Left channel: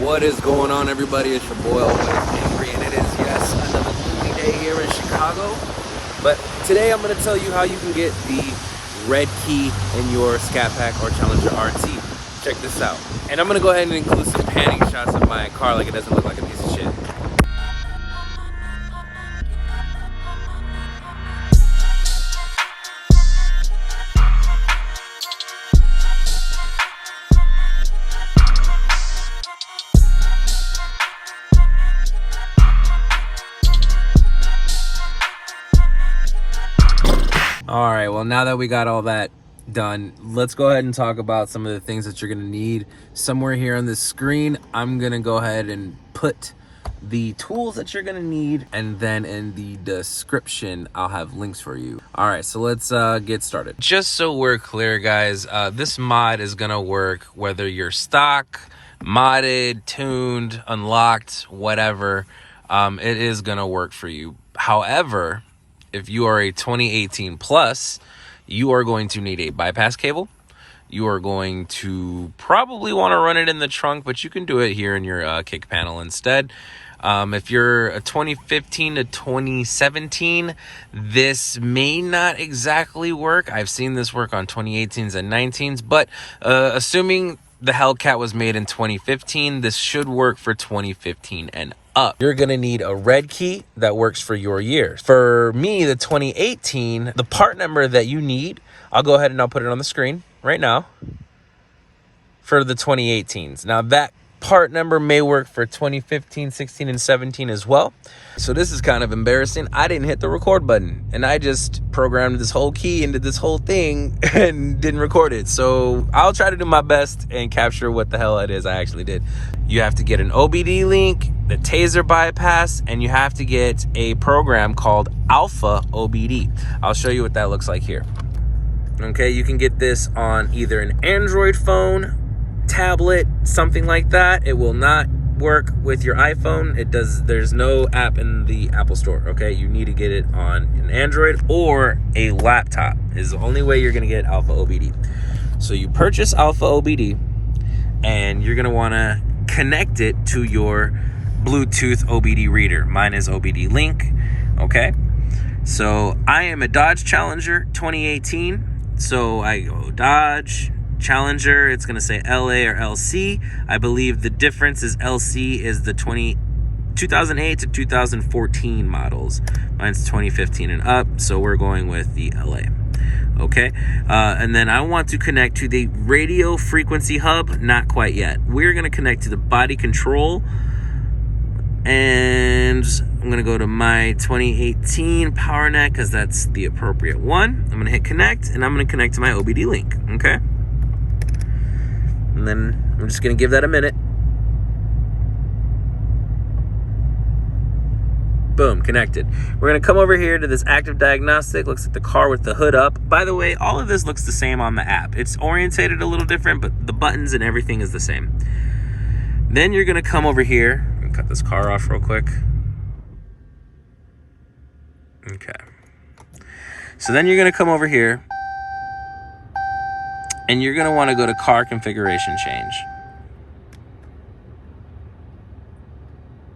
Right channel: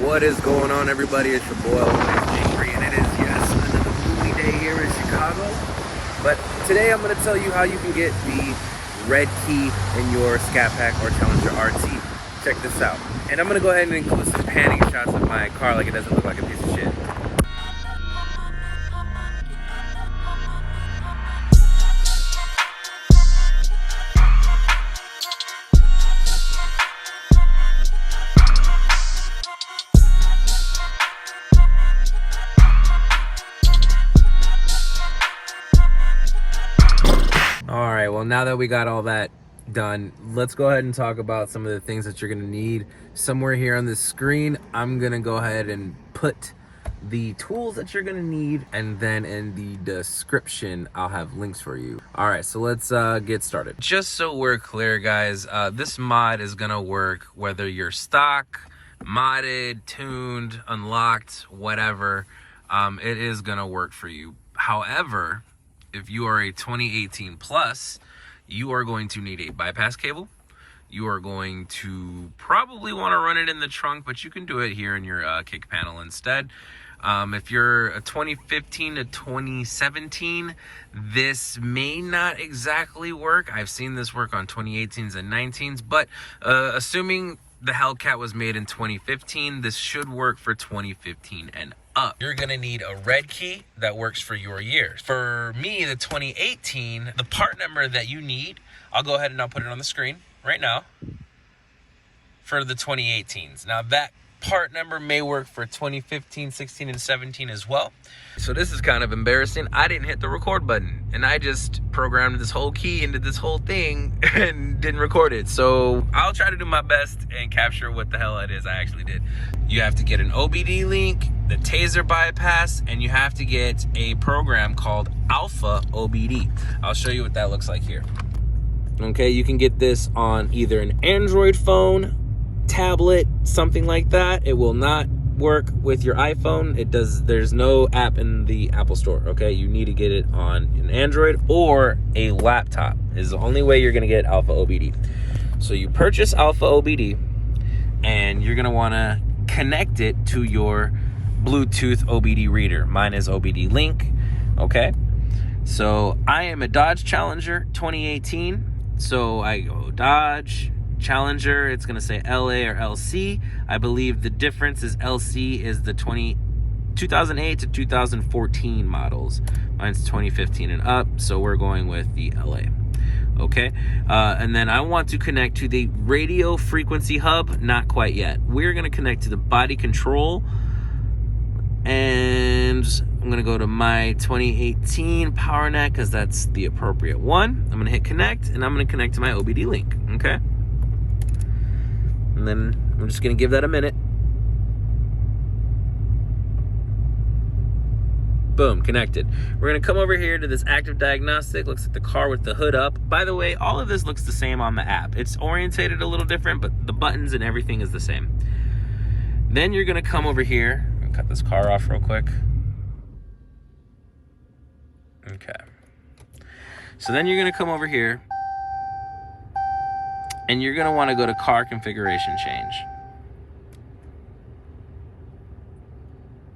What is going on, everybody? It's your boy OBDII, and it is, yes, another gloomy day here in Chicago. But today I'm going to tell you how you can get the red key in your Scat Pack or Challenger RT. Check this out. And I'm going to go ahead and include some panning shots of my car like it doesn't look like a piece of shit. All right, well, now that we got all that done, let's go ahead and talk about some of the things that you're gonna need. Somewhere here on this screen, I'm gonna go ahead and put the tools that you're gonna need, and then in the description, I'll have links for you. All right, so let's get started. Just so we're clear, guys, this mod is gonna work whether you're stock, modded, tuned, unlocked, whatever. It is gonna work for you. However, if you are a 2018 plus, you are going to need a bypass cable. You are going to probably want to run it in the trunk, but you can do it here in your kick panel instead. If you're a 2015 to 2017, this may not exactly work. I've seen this work on 2018s and 19s, but assuming the Hellcat was made in 2015, this should work for 2015 and up. You're gonna need a red key that works for your year. For me, the 2018, the part number that you need, I'll go ahead and I'll put it on the screen right now for the 2018s. Now that part number may work for 2015, 16, and 17 as well. So this is kind of embarrassing. I didn't hit the record button and I just programmed this whole key into this whole thing and didn't record it. So I'll try to do my best and capture what the hell it is I actually did. You have to get an OBD link, the Tazer bypass, and you have to get a program called Alfa OBD. I'll show you what that looks like here. Okay, you can get this on either an Android phone, tablet, something like that. It will not work with your iPhone. There's no app in the Apple Store. Okay, you need to get it on an Android or a laptop is the only way you're gonna get Alfa OBD. So you purchase Alfa OBD and you're gonna want to connect it to your Bluetooth OBD reader. Mine is OBD Link. Okay, so I am a Dodge Challenger 2018, so I go Dodge Challenger. It's gonna say LA or LC. I believe the difference is LC is the 2008 to 2014 models. Mine's 2015 and up, so we're going with the LA. Okay, and then I want to connect to the radio frequency hub. Not quite yet. We're gonna connect to the body control, and I'm gonna go to my 2018 PowerNet because that's the appropriate one. I'm gonna hit connect, and I'm gonna connect to my OBD link. Okay. And then I'm just gonna give that a minute. Boom, connected. We're gonna come over here to this active diagnostic. Looks like the car with the hood up. By the way, all of this looks the same on the app. It's orientated a little different, but the buttons and everything is the same. Then you're gonna come over here. I'm gonna cut this car off real quick. Okay. So then you're gonna come over here and you're gonna wanna go to car configuration change.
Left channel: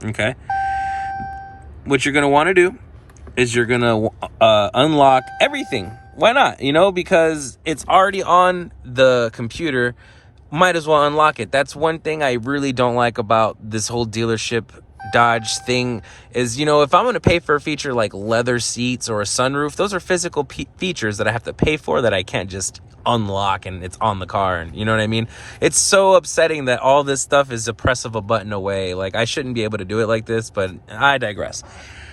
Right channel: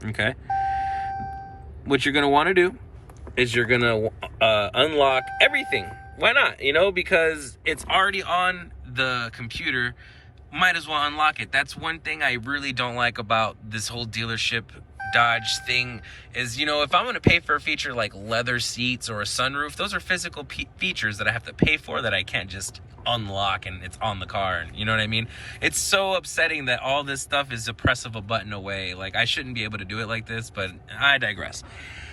Okay. What you're gonna wanna do is you're gonna unlock everything. Why not? You know, because it's already on the computer, might as well unlock it. That's one thing I really don't like about this whole dealership Dodge thing is, you know, if I'm going to pay for a feature like leather seats or a sunroof, those are physical features that I have to pay for that I can't just unlock and it's on the car. You know what I mean? It's so upsetting that all this stuff is a press of a button away. Like, I shouldn't be able to do it like this, but I digress.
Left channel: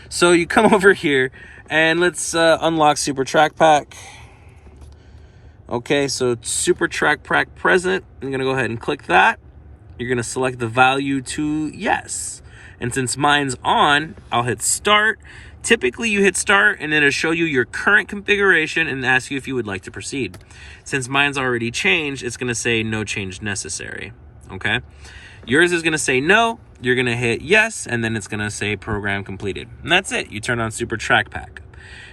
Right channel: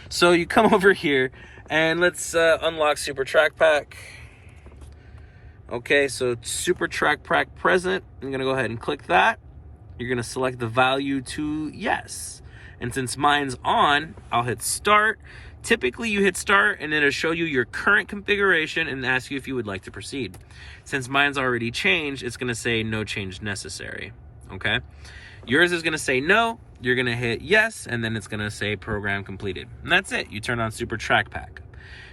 So you come over here and let's unlock Super Track Pack. Okay, so Super Track Pack present. I'm going to go ahead and click that. You're going to select the value to yes. And since mine's on, I'll hit start. Typically you hit start and it'll show you your current configuration and ask you if you would like to proceed. Since mine's already changed, it's gonna say no change necessary, okay? Yours is gonna say no, you're gonna hit yes, and then it's gonna say program completed. And that's it, you turn on Super Track Pack.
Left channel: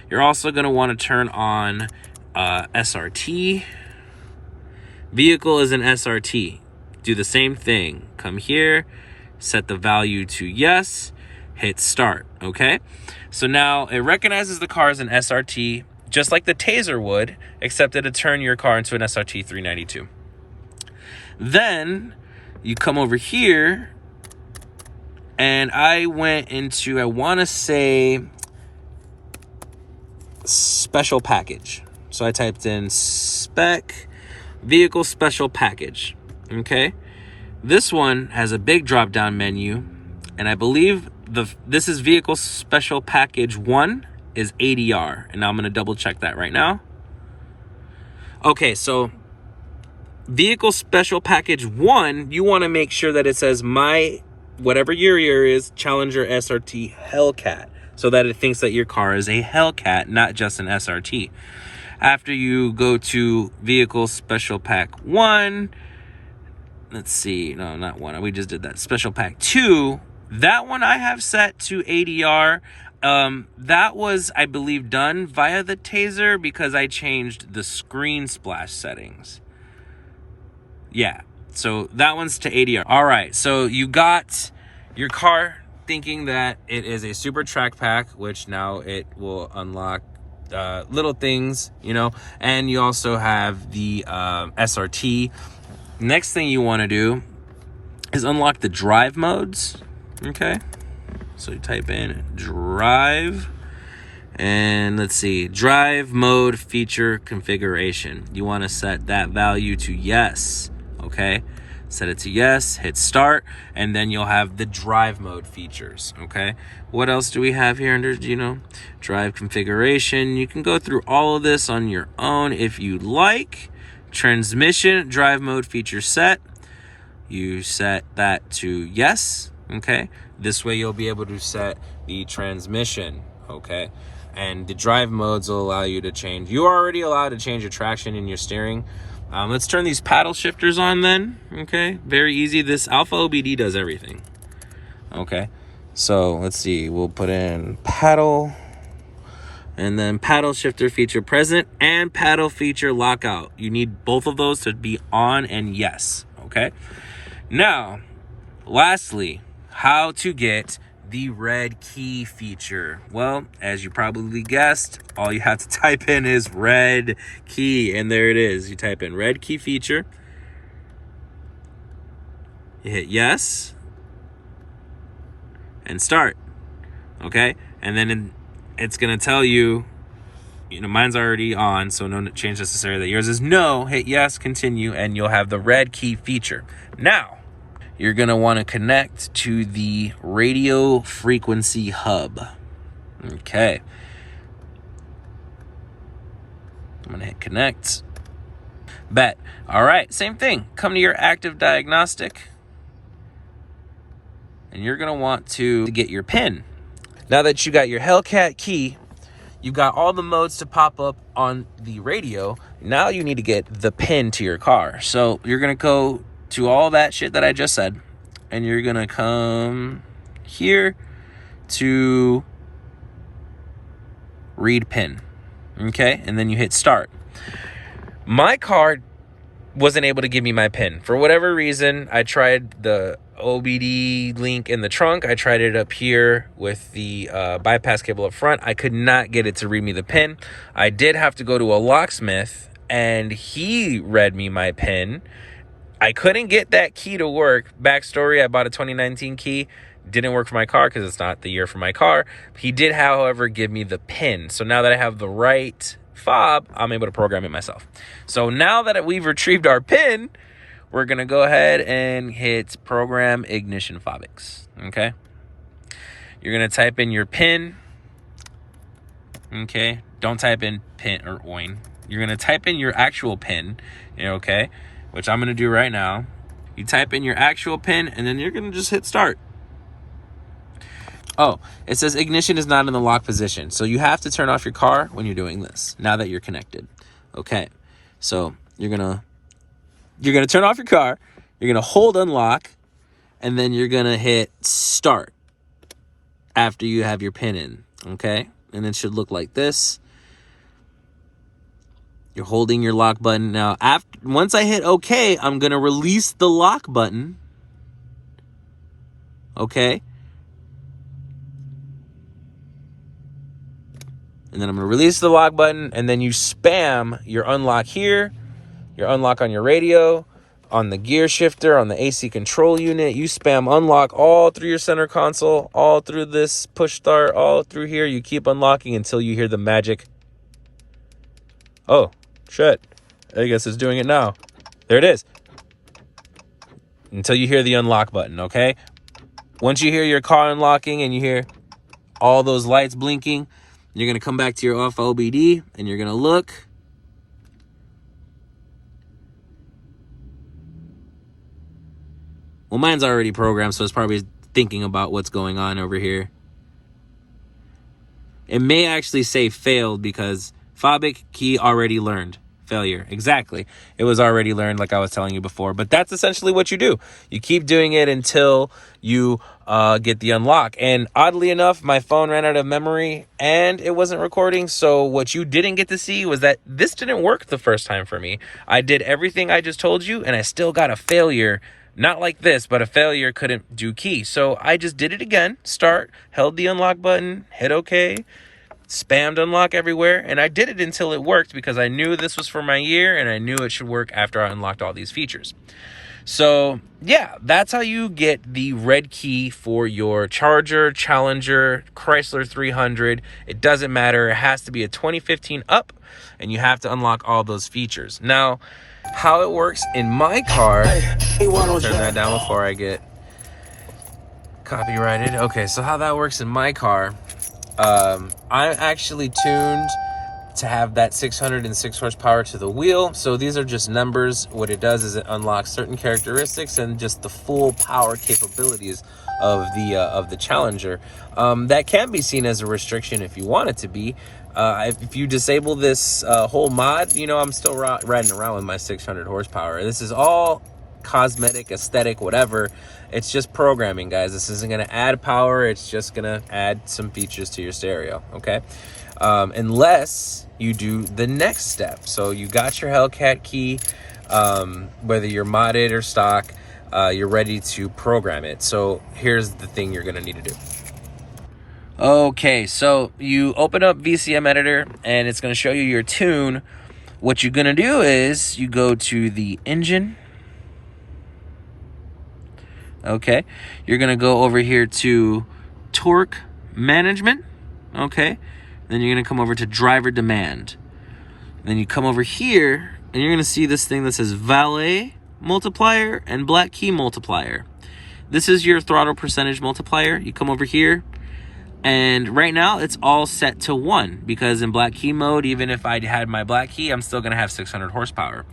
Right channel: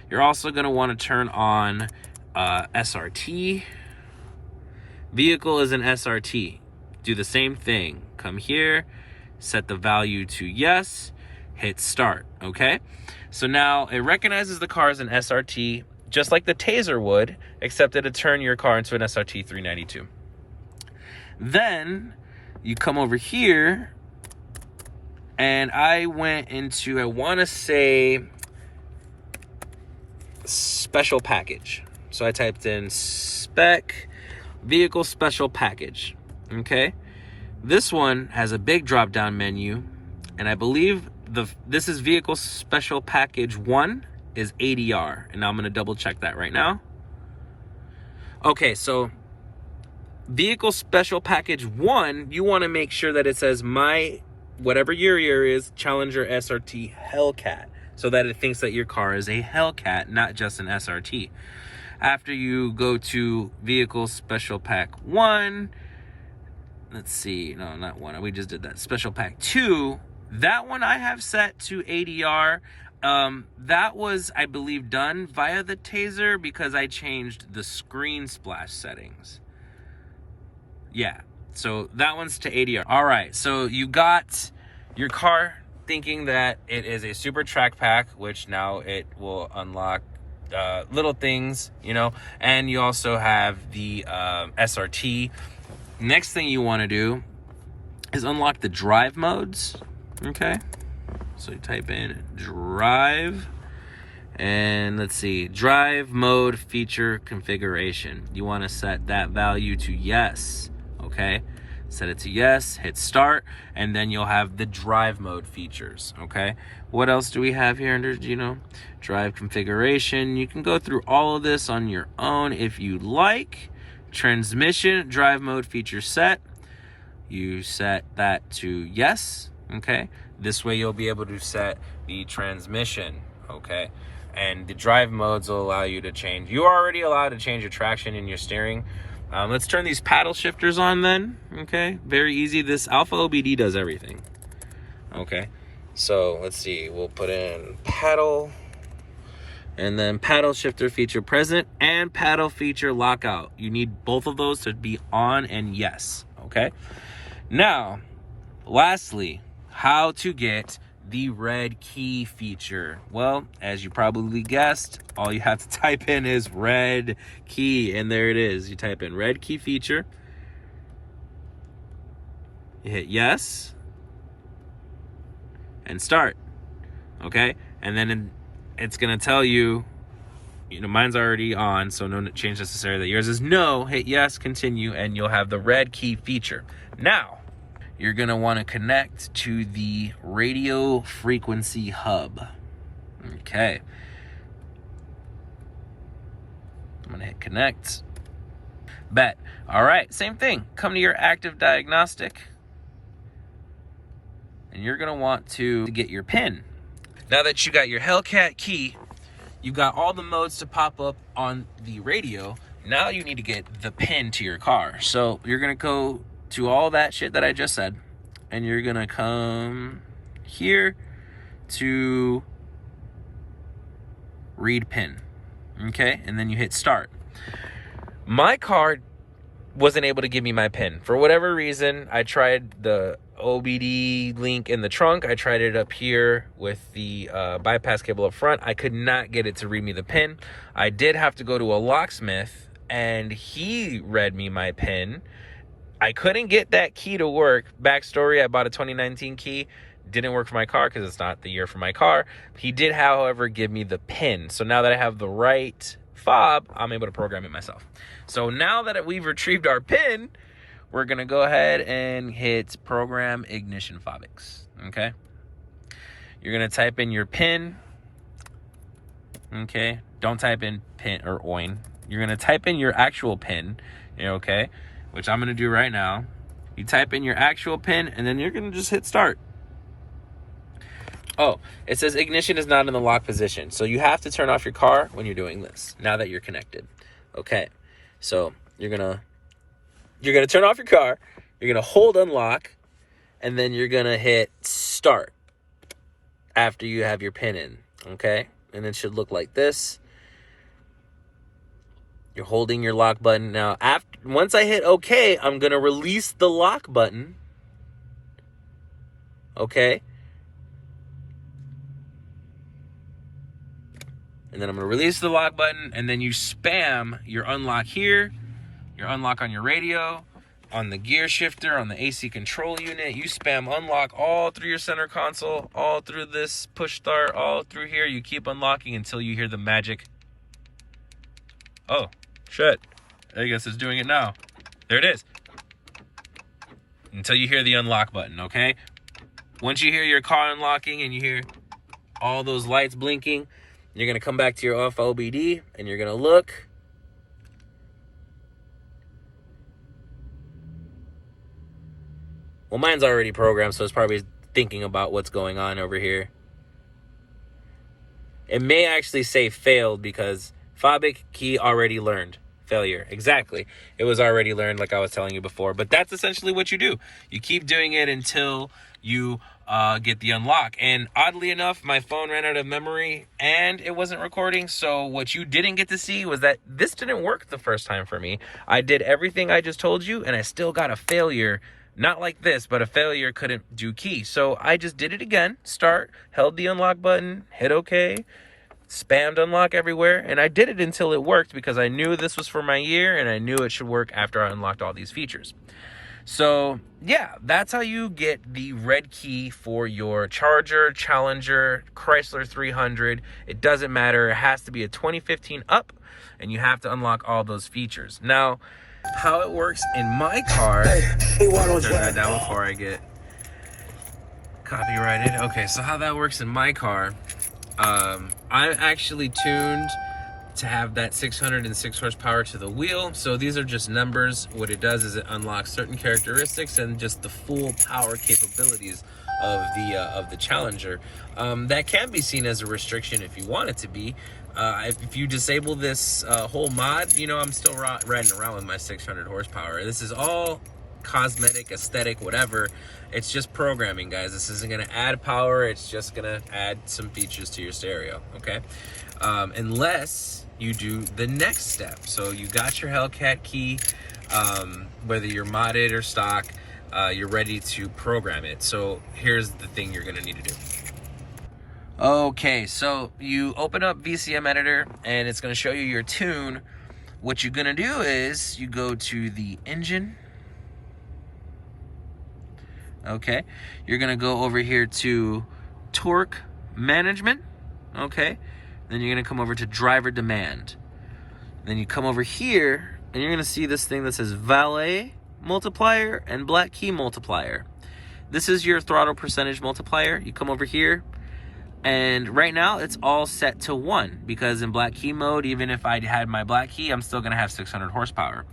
You're also gonna wanna turn on SRT. Vehicle is an SRT. Do the same thing. Come here, set the value to yes, hit start, okay? So now it recognizes the car as an SRT, just like the Tazer would, except it'll turn your car into an SRT 392. Then you come over here, and I went into, I want to say, special package. So I typed in spec vehicle special package, okay? This one has a big drop down menu, and I believe this is vehicle special package 1 is ADR, and I'm going to double check that right now. Okay, so vehicle special package 1, you want to make sure that it says my whatever your year is Challenger SRT Hellcat, so that it thinks that your car is a Hellcat, not just an SRT. After you go to vehicle special pack 1, let's see, no, not 1, we just did that. Special pack 2, that one I have set to ADR. That was, I believe, done via the Tazer because I changed the screen splash settings. Yeah, so that one's to ADR. All right, so you got your car thinking that it is a super track pack, which now it will unlock little things, you know, and you also have the SRT. Next thing you want to do is unlock the drive modes, okay? So you type in drive, and let's see, drive mode feature configuration. You want to set that value to yes, okay? Set it to yes, hit start, and then you'll have the drive mode features, okay? What else do we have here under, you know, drive configuration? You can go through all of this on your own if you like. Transmission, drive mode feature set. You set that to yes, okay? This way you'll be able to set the transmission, okay? And the drive modes will allow you to change. You're already allowed to change your traction and your steering. Let's turn these paddle shifters on then, okay? Very easy. This Alfa OBD does everything, okay? So let's see, we'll put in paddle, and then paddle shifter feature present and paddle feature lockout. You need both of those to be on and yes, okay? Now, lastly, how to get the red key feature. Well, as you probably guessed, all you have to type in is red key, and there it is. You type in red key feature, you hit yes, and start, okay? And then it's gonna tell you, you know, mine's already on, so no change necessary. That yours is no, hit yes, continue, and you'll have the red key feature. Now, you're going to want to connect to the radio frequency hub. Okay. I'm going to hit connect. Bet. All right, same thing. Come to your active diagnostic, and you're going to want to get your PIN. Now that you got your hellcat key, you got all the modes to pop up on the radio. Now you need to get the PIN to your car. So you're going to go to all that shit that I just said, and you're gonna come here to read PIN, okay? And then you hit start. My car wasn't able to give me my PIN. For whatever reason, I tried the OBD link in the trunk. I tried it up here with the bypass cable up front. I could not get it to read me the PIN. I did have to go to a locksmith, and he read me my PIN. I couldn't get that key to work. Backstory, I bought a 2019 key. Didn't work for my car because it's not the year for my car. He did, however, give me the PIN. So now that I have the right fob, I'm able to program it myself. So now that we've retrieved our PIN, we're going to go ahead and hit program ignition fobics. Okay? You're going to type in your PIN. Okay? Don't type in PIN or OIN. You're going to type in your actual PIN. Okay? Which I'm going to do right now. You type in your actual PIN, and then you're going to just hit start. Oh, it says ignition is not in the lock position. So you have to turn off your car when you're doing this, now that you're connected. Okay, so you're going to turn off your car, you're going to hold unlock, and then you're going to hit start after you have your PIN in, okay? And it should look like this. You're holding your lock button. Now, once I hit OK, I'm going to release the lock button. okay? And then I'm gonna release the lock button, and then you spam your unlock here, your unlock on your radio, on the gear shifter, on the AC control unit. You spam unlock all through your center console, all through this push start, all through here. You keep unlocking until you hear the magic. Oh, shit. I guess it's doing it now. There it is. Until you hear the unlock button, okay? Once you hear your car unlocking and you hear all those lights blinking, you're going to come back to your Alfa OBD and you're going to look. Well, mine's already programmed, so it's probably thinking about what's going on over here. It may actually say failed because Fabic key already learned. Failure. Exactly. It was already learned, like I was telling you before. But that's essentially what you do. You keep doing it until you get the unlock. And oddly enough, my phone ran out of memory and it wasn't recording. So what you didn't get to see was that this didn't work the first time for me. I did everything I just told you and I still got a failure. Not like this, but a failure couldn't do key. So I just did it again. Start, held the unlock button, hit OK. Spammed unlock everywhere, and I did it until it worked because I knew this was for my year and I knew it should work after I unlocked all these features. So yeah, that's how you get the red key for your Charger, Challenger, Chrysler 300. It doesn't matter. It has to be a 2015 up, and you have to unlock all those features. Now, how it works in my car, turn that down before I get copyrighted. Okay, so how that works in my car, I'm actually tuned to have that 606 horsepower to the wheel. So these are just numbers. What it does is it unlocks certain characteristics and just the full power capabilities of the Challenger. That can be seen as a restriction if you want it to be. If you disable this whole mod, you know, I'm still riding around with my 600 horsepower. This is all cosmetic, aesthetic, whatever. It's just programming, guys. This isn't going to add power. It's just going to add some features to your stereo, okay? Unless you do the next step. So you got your hellcat key, whether you're modded or stock, you're ready to program it. So here's the thing you're going to need to do. Okay, so you open up VCM editor and it's going to show you your tune. What you're going to do is you go to the engine. Okay, you're going to go over here to torque management. Okay, then you're going to come over to driver demand. Then you come over here and you're going to see this thing that says valet multiplier and black key multiplier. This is your throttle percentage multiplier. You come over here. And right now it's all set to 1 because in black key mode, even if I had my black key, I'm still going to have 600 horsepower.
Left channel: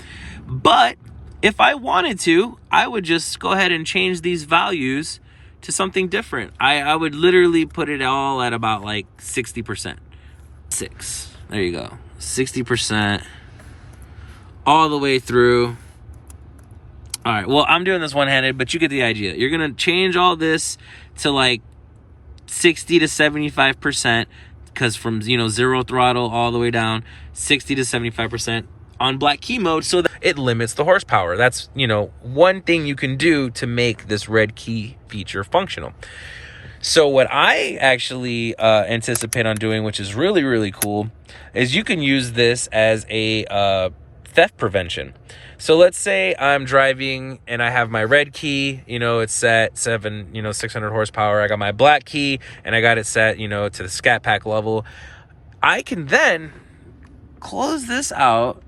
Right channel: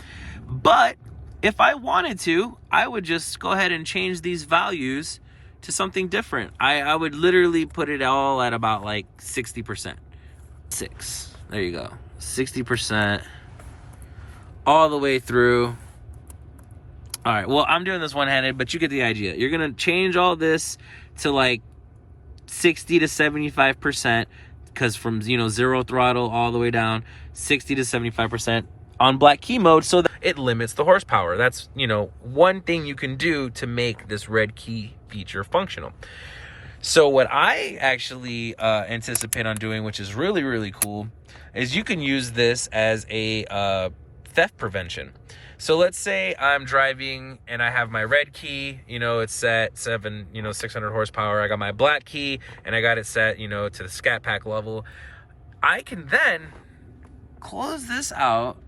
But if I wanted to, I would just go ahead and change these values to something different. I would literally put it all at about like 60%. 6. There you go. 60% all the way through. All right. Well, I'm doing this one-handed, but you get the idea. You're going to change all this to like 60 to 75%, because from, you know, 0 throttle all the way down, 60 to 75% on black key mode, so that it limits the horsepower. That's, you know, one thing you can do to make this red key feature functional. So what I actually anticipate on doing, which is really, really cool, is you can use this as a theft prevention. So let's say I'm driving and I have my red key, you know, it's set 600 horsepower. I got my black key and I got it set, you know, to the Scat Pack level. I can then close this out.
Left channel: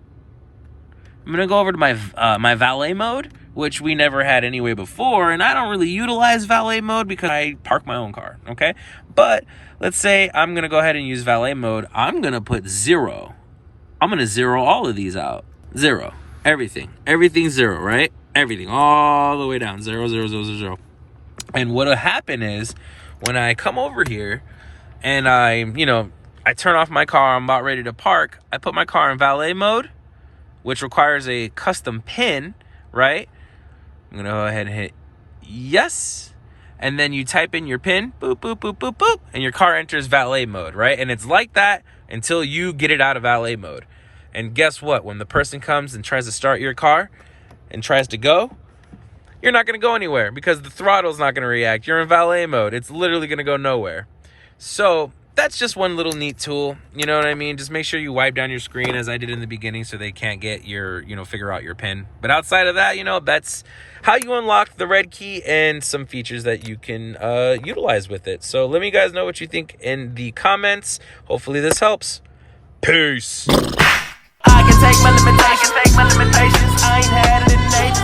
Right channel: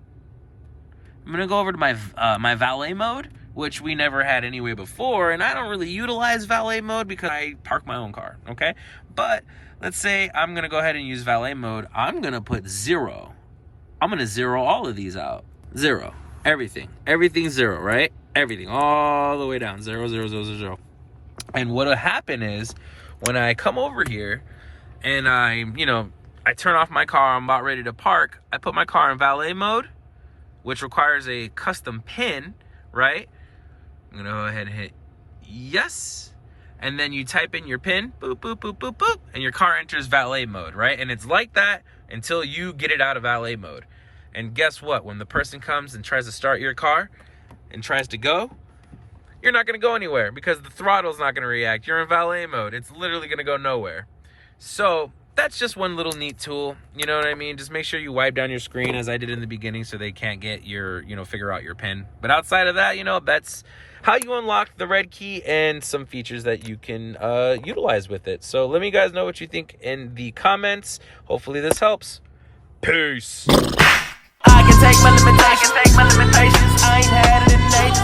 I'm going to go over to my my valet mode, which we never had anyway before. And I don't really utilize valet mode because I park my own car. Okay. But let's say I'm going to go ahead and use valet mode. I'm going to put 0. I'm going to 0 all of these out. 0. Everything's 0, right? Everything all the way down. 0, 0, 0, 0, 0. And what'll happen is when I come over here and I turn off my car, I'm about ready to park, I put my car in valet mode, which requires a custom pin, right? I'm gonna go ahead and hit yes. And then you type in your pin, boop, boop, boop, boop, boop, and your car enters valet mode, right? And it's like that until you get it out of valet mode. And guess what? When the person comes and tries to start your car and tries to go, you're not going to go anywhere because the throttle's not going to react. You're in valet mode. It's literally going to go nowhere. So that's just one little neat tool. You know what I mean? Just make sure you wipe down your screen as I did in the beginning so they can't get your, figure out your pin. But outside of that, that's how you unlock the red key and some features that you can utilize with it. So let me guys know what you think in the comments. Hopefully this helps. Peace. I can take my limitations. I ain't had it in ages.